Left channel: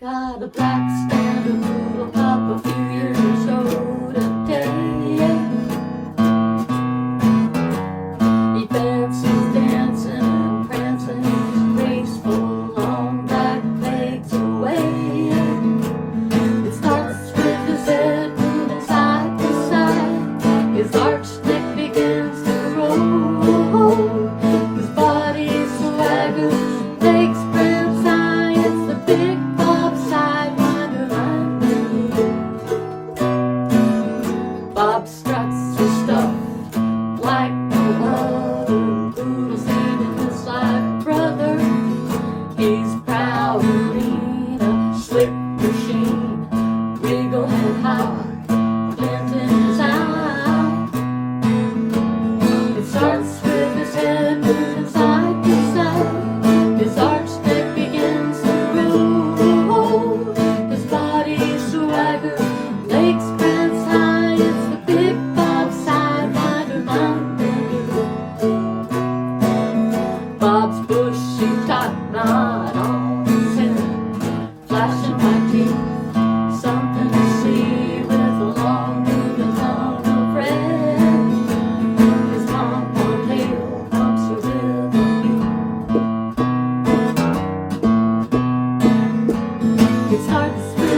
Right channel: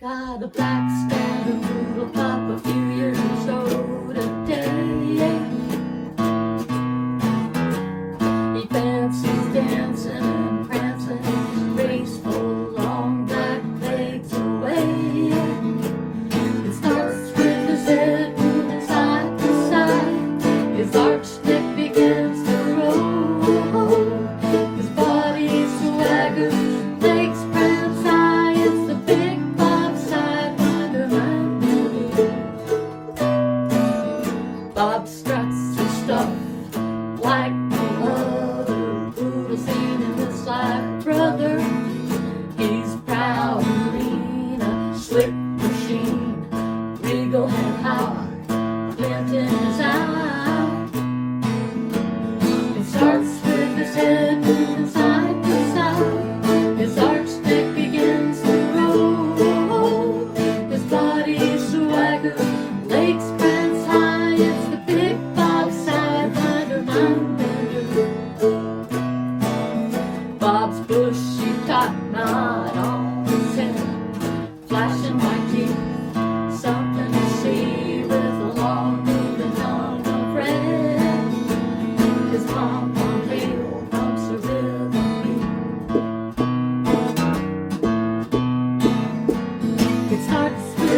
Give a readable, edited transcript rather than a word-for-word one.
Got a black standard poodle pup a few years old today. He dances, dancing and prancing his graceful long back legs away. It starts with his head moving side to side. His arched neck begins to roll. His body swaggers, legs spread high. It's the big Bob struts his stuff like no other. Poodle's in his life, brother. He's proud and lean, a slick machine. Regal head high, glint in his eye. It starts with his head moving side to side. His arched neck begins to roll. His body swaggers, legs spread high. It's the big Bob Sidewinder Monday. Bob's bushy top knot on his head, flashing white teeth, something to see with a long moving tongue of red. His pom-pom tail bumps a rhythm beat. It starts with